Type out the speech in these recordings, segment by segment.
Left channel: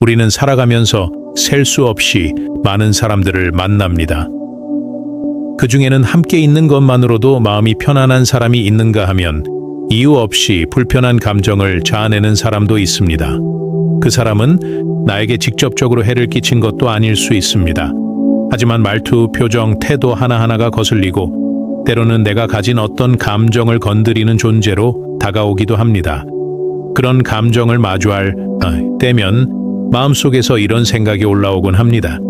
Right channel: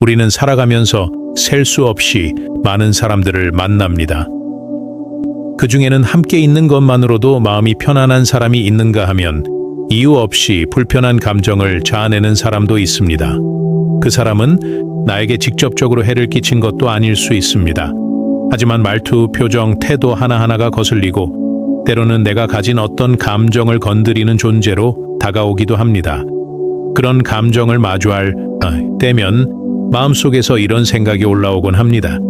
우리는 살아가면서 셀 수 없이 많은 사람들을 만납니다. 그 중에는 함께 있는 것만으로도 마음이 편안한 사람이 있는가 하면 이유 없이 불편한 감정을 자아내는 사람도 있습니다. 그 사람은 나에게 직접적으로 해를 끼친 것도 아닐 수 있습니다. 하지만 말투, 표정, 태도 하나하나가 거슬리고 때로는 내가 가진 어떤 감정을 건드리는 존재로 다가오기도 합니다. 그런 감정을 마주할 때면 마음속에서 이런 생각이 올라오곤 합니다.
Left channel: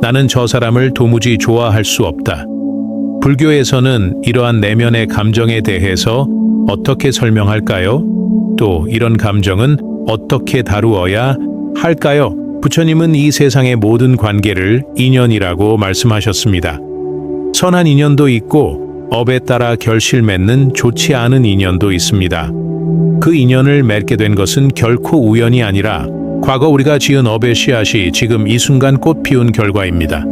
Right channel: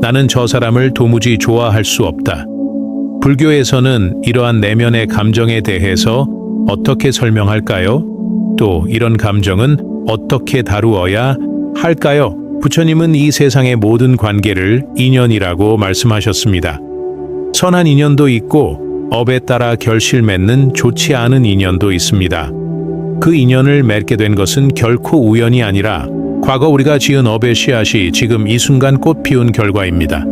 나는 저 사람을 도무지 좋아할 수 없다. 불교에서는 이러한 내면의 감정에 대해서 어떻게 설명할까요? 또 이런 감정은 어떻게 다루어야 할까요? 부처님은 이 세상의 모든 관계를 인연이라고 말씀하셨습니다. 선한 인연도 있고 업에 따라 결실 맺는 좋지 않은 인연도 있습니다. 그 인연을 맺게 된 것은 결코 우연이 아니라 과거 우리가 지은 업의 씨앗이 지금 이 순간 꽃 피운 결과입니다.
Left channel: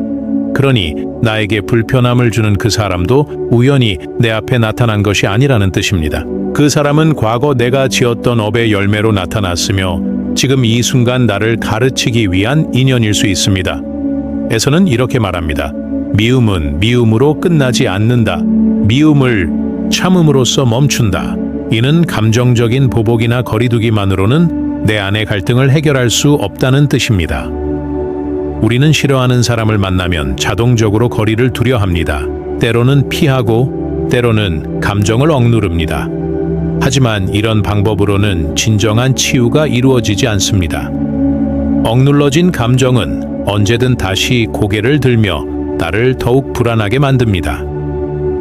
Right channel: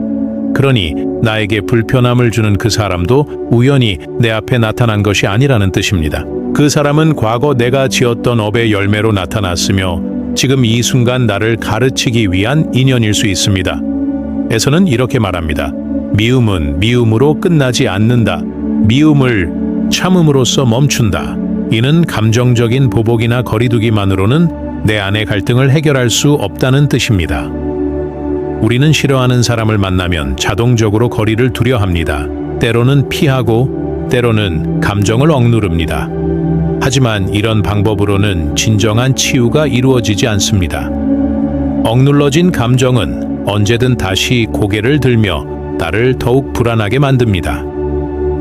그러니 나에게 불편함을 주는 그 사람도 우연히 내 앞에 나타난 것이 아니라는 뜻입니다. 그 사람은 과거 내가 지었던 업의 열매로 나타났으며 지금 이 순간 나를 가르치기 위한 인연일 수 있습니다. 에서는 이렇게 말합니다. 미움은 미움으로 끝나지 않는다. 미움을 참음으로써 멈춘다. 이는 감정적인 보복이나 거리두기만으로는 내 안의 갈등을 해결할 수 없다는 뜻입니다. 우리는 싫어하는 사람을 만나면 자동적으로 거리를 두려 합니다. 때로는 피하고 때로는 감정을 억누릅니다. 하지만 이런 방법으로는 진정한 치유가 이루어지지 않습니다. 억눌러진 감정은 언제든 다시 고개를 들며 나를 더욱 불안하게 만듭니다.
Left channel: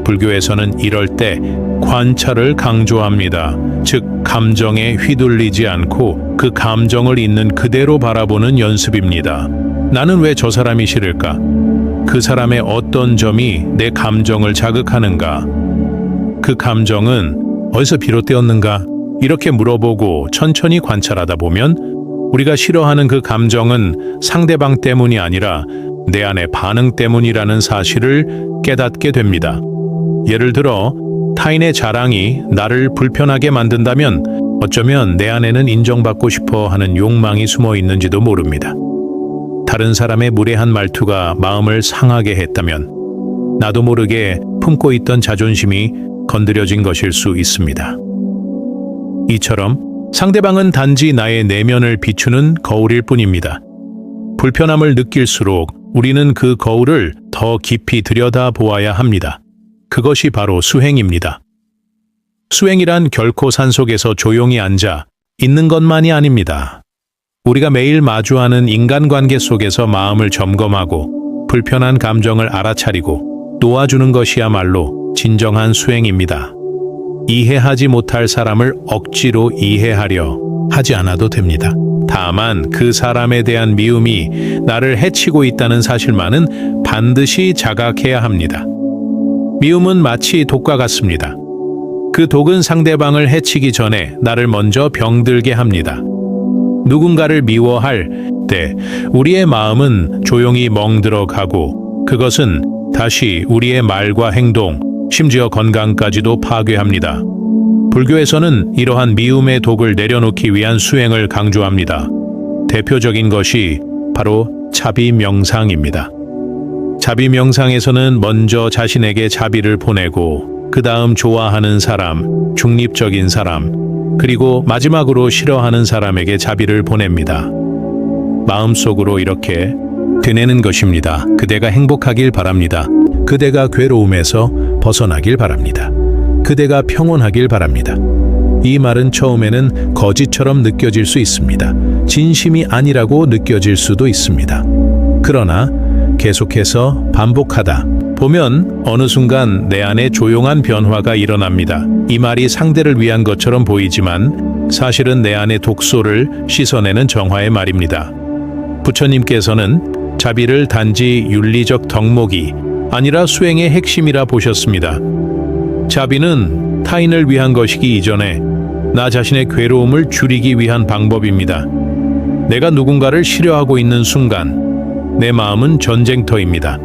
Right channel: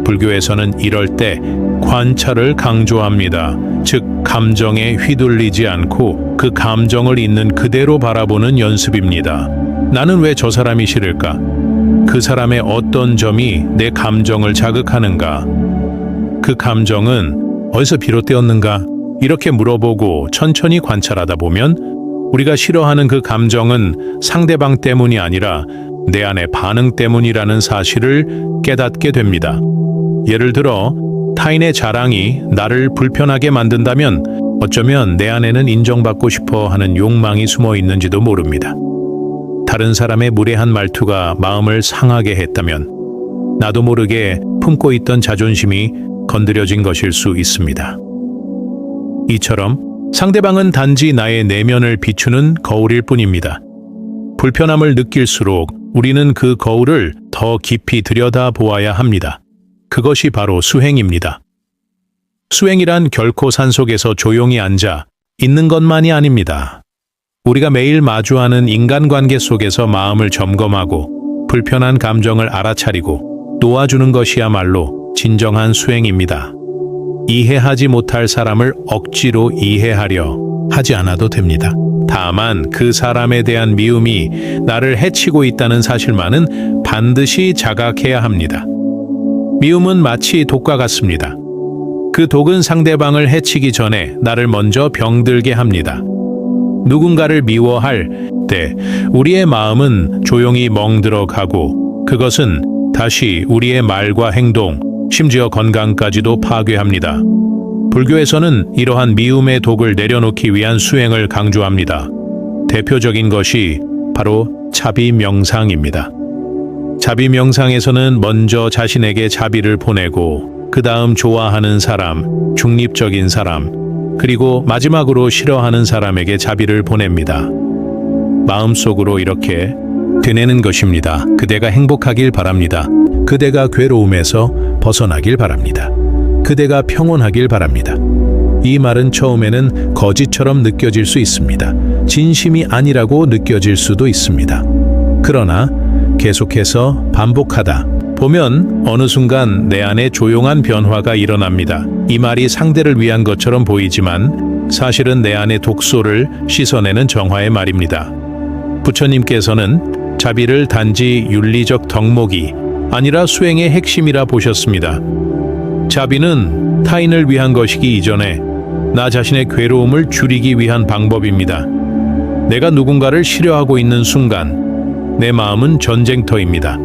불교에서는 이럴 때 관찰을 강조합니다. 즉, 감정에 휘둘리지 않고 그 감정을 있는 그대로 바라보는 연습입니다. 나는 왜 저 사람이 싫을까? 그 사람의 어떤 점이 내 감정을 자극하는가? 그 감정은 어디서 비롯되었는가? 이렇게 물어보고 천천히 관찰하다 보면 우리가 싫어하는 그 감정은 상대방 때문이 아니라 내 안의 반응 때문이라는 사실을 깨닫게 됩니다. 예를 들어 타인의 자랑이 나를 불편하게 만든다면 어쩌면 내 안에는 인정받고 싶어 하는 욕망이 숨어 있는지도 모릅니다. 다른 사람의 무례한 말투가 마음을 상하게 했다면 나도 모르게 품고 있던 자존심이 건드려진 것일 수 있습니다. 이처럼 상대방은 단지 나의 내면을 비추는 거울일 뿐입니다. 불편함을 느낄수록 우리는 그 거울을 더 깊이 들여다보아야 합니다. 그것이 바로 수행입니다. 수행이란 결코 산속에서 조용히 앉아 있는 것만이 아닙니다. 우리가 매일 마주하는 인간관계 속에서 마음을 점검하고 불편한 감정을 알아차리고 놓아주는 것이야말로 진정한 수행입니다. 이해하지 못할 사람을 억지로 이해하려 하지 않아도 됩니다. 다만 그 사람에 대한 미움이 나를 해치고 있다는 사실만은 반드시 자각해야 합니다. 미움은 마치 독과 같습니다. 그 독은 상대방을 해치기 전에 나를 먼저 병들게 합니다. 누군가를 미워할 때 우리의 마음은 조용히 멍들어 가고 그것은 다시 우리의 말과 행동, 심지어 건강까지도 파괴합니다. 불교에서는 이러한 미움의 독을 내려놓기 위한 수행을 강조합니다. 대표적인 것이 바로 자비 명상입니다. 자비 명상에서는 먼저 자신에게 자비를 보내고 그 다음 좋아하는 사람, 중립적인 사람, 그리고 마지막으로 싫어하는 사람에게 자비를 보냅니다. 마음속으로 이렇게 되뇌는 것입니다. 그대가 행복하길 바랍니다. 그대가 괴로움에서 벗어나길 바랍니다. 그대가 평온하길 바랍니다. 이 말은 처음에는 거짓처럼 느껴질 수 있습니다. 진심이 아니라고 느껴질 수도 있습니다. 그러나 계속해서 반복하다 보면 어느 순간 내 안에 조용한 변화가 일어납니다. 이 말이 상대를 위한 것처럼 보이지만 사실은 내 안의 독소를 씻어내는 정화의 말입니다. 부처님께서는 자비를 단지 윤리적 덕목이 아니라 수행의 핵심이라 보셨습니다. 자비는 타인을 위한 것이기 이전에 나 자신의 괴로움을 줄이기 위한 방법입니다. 내가 누군가를 싫어하고 있는 순간 내 마음은 전쟁터입니다.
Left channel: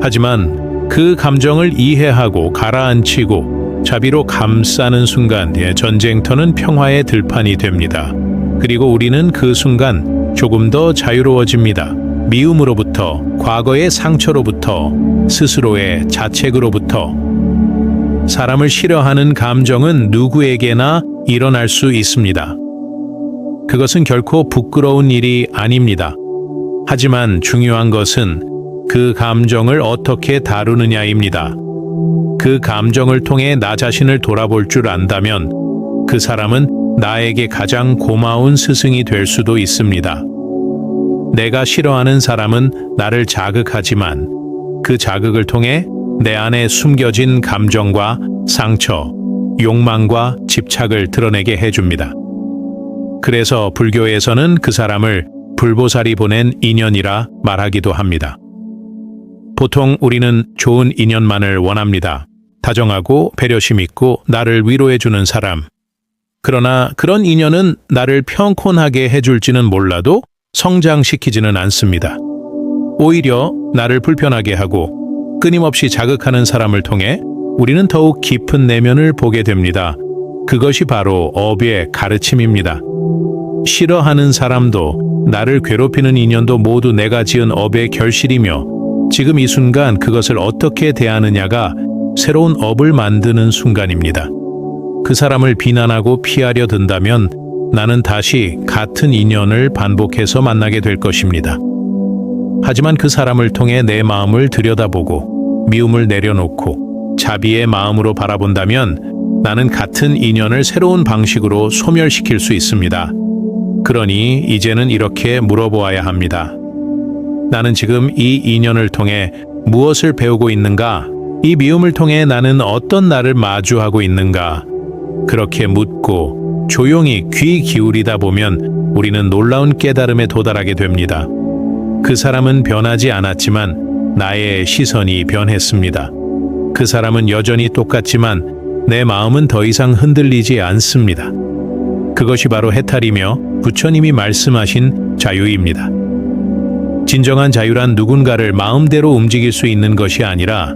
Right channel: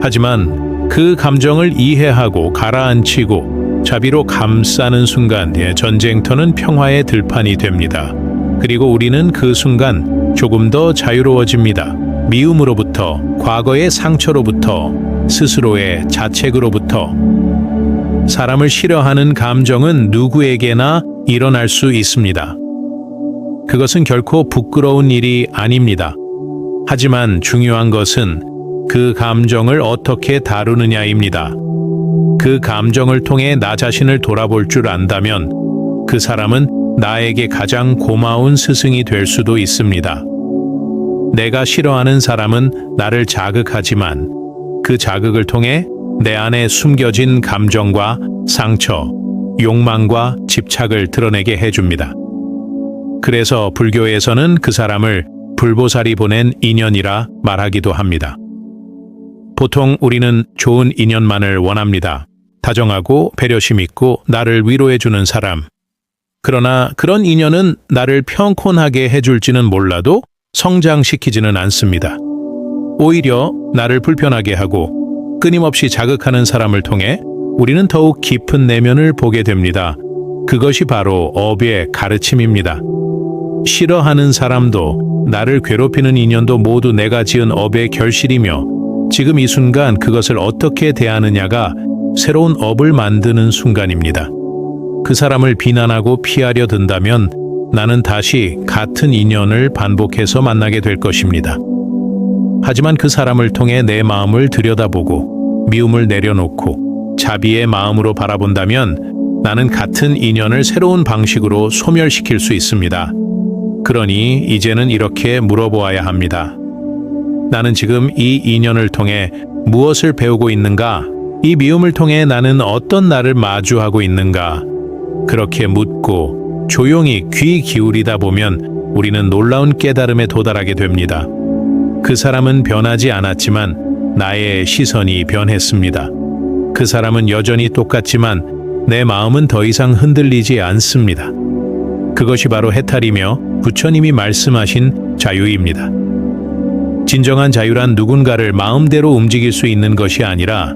하지만 그 감정을 이해하고 가라앉히고 자비로 감싸는 순간 전쟁터는 평화의 들판이 됩니다. 그리고 우리는 그 순간 조금 더 자유로워집니다. 미움으로부터, 과거의 상처로부터, 스스로의 자책으로부터. 사람을 싫어하는 감정은 누구에게나 일어날 수 있습니다. 그것은 결코 부끄러운 일이 아닙니다. 하지만 중요한 것은 그 감정을 어떻게 다루느냐입니다. 그 감정을 통해 나 자신을 돌아볼 줄 안다면 그 사람은 나에게 가장 고마운 스승이 될 수도 있습니다. 내가 싫어하는 사람은 나를 자극하지만 그 자극을 통해 내 안에 숨겨진 감정과 상처, 욕망과 집착을 드러내게 해줍니다. 그래서 불교에서는 그 사람을 불보살이 보낸 인연이라 말하기도 합니다. 보통 우리는 좋은 인연만을 원합니다. 다정하고 배려심 있고 나를 위로해주는 사람. 그러나 그런 인연은 나를 평온하게 해줄지는 몰라도 성장시키지는 않습니다. 오히려 나를 불편하게 하고 끊임없이 자극하는 사람을 통해 우리는 더욱 깊은 내면을 보게 됩니다. 그것이 바로 업의 가르침입니다. 싫어하는 사람도 나를 괴롭히는 인연도 모두 내가 지은 업의 결실이며 지금 이 순간 그것을 어떻게 대하느냐가 새로운 업을 만드는 순간입니다. 그 사람을 비난하고 피하려 든다면 나는 다시 같은 인연을 반복해서 만나게 될 것입니다. 하지만 그 사람을 통해 내 마음을 들여다보고 미움을 내려놓고 자비의 마음으로 바라본다면 나는 같은 인연을 새로운 방식으로 소멸시킬 수 있습니다. 그러니 이제는 이렇게 물어보아야 합니다. 나는 지금 이 인연을 통해 무엇을 배우고 있는가? 이 미움을 통해 나는 어떤 나를 마주하고 있는가? 그렇게 묻고 조용히 귀 기울이다 보면 우리는 놀라운 깨달음에 도달하게 됩니다. 그 사람은 변하지 않았지만 나의 시선이 변했습니다. 그 사람은 여전히 똑같지만 내 마음은 더 이상 흔들리지 않습니다. 그것이 바로 해탈이며 부처님이 말씀하신 자유입니다. 진정한 자유란 누군가를 마음대로 움직일 수 있는 것이 아니라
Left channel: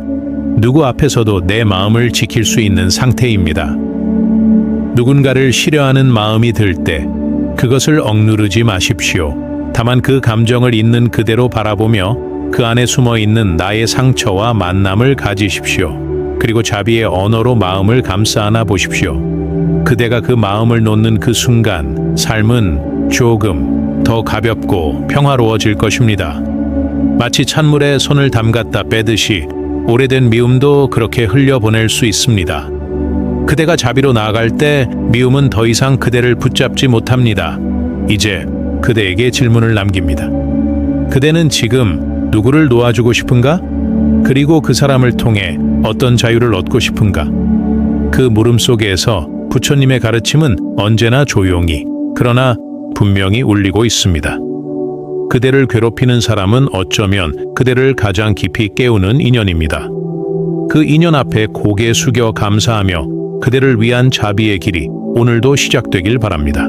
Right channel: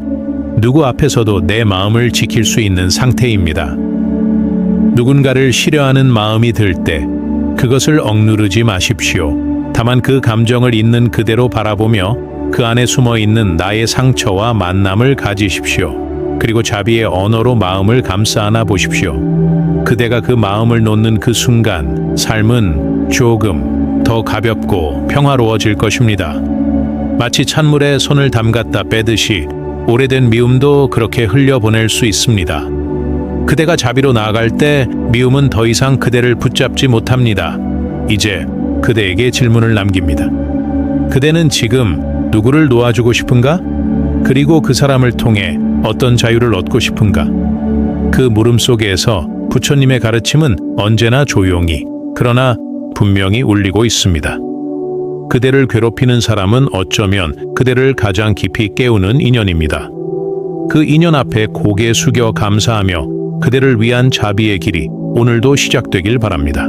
누구 앞에서도 내 마음을 지킬 수 있는 상태입니다. 누군가를 싫어하는 마음이 들 때 그것을 억누르지 마십시오. 다만 그 감정을 있는 그대로 바라보며 그 안에 숨어 있는 나의 상처와 만남을 가지십시오. 그리고 자비의 언어로 마음을 감싸 안아 보십시오. 그대가 그 마음을 놓는 그 순간 삶은 조금 더 가볍고 평화로워질 것입니다. 마치 찬물에 손을 담갔다 빼듯이 오래된 미움도 그렇게 흘려보낼 수 있습니다. 그대가 자비로 나아갈 때 미움은 더 이상 그대를 붙잡지 못합니다. 이제 그대에게 질문을 남깁니다. 그대는 지금 누구를 놓아주고 싶은가? 그리고 그 사람을 통해 어떤 자유를 얻고 싶은가? 그 물음 속에서 부처님의 가르침은 언제나 조용히, 그러나 분명히 울리고 있습니다. 그대를 괴롭히는 사람은 어쩌면 그대를 가장 깊이 깨우는 인연입니다. 그 인연 앞에 고개 숙여 감사하며 그대를 위한 자비의 길이 오늘도 시작되길 바랍니다.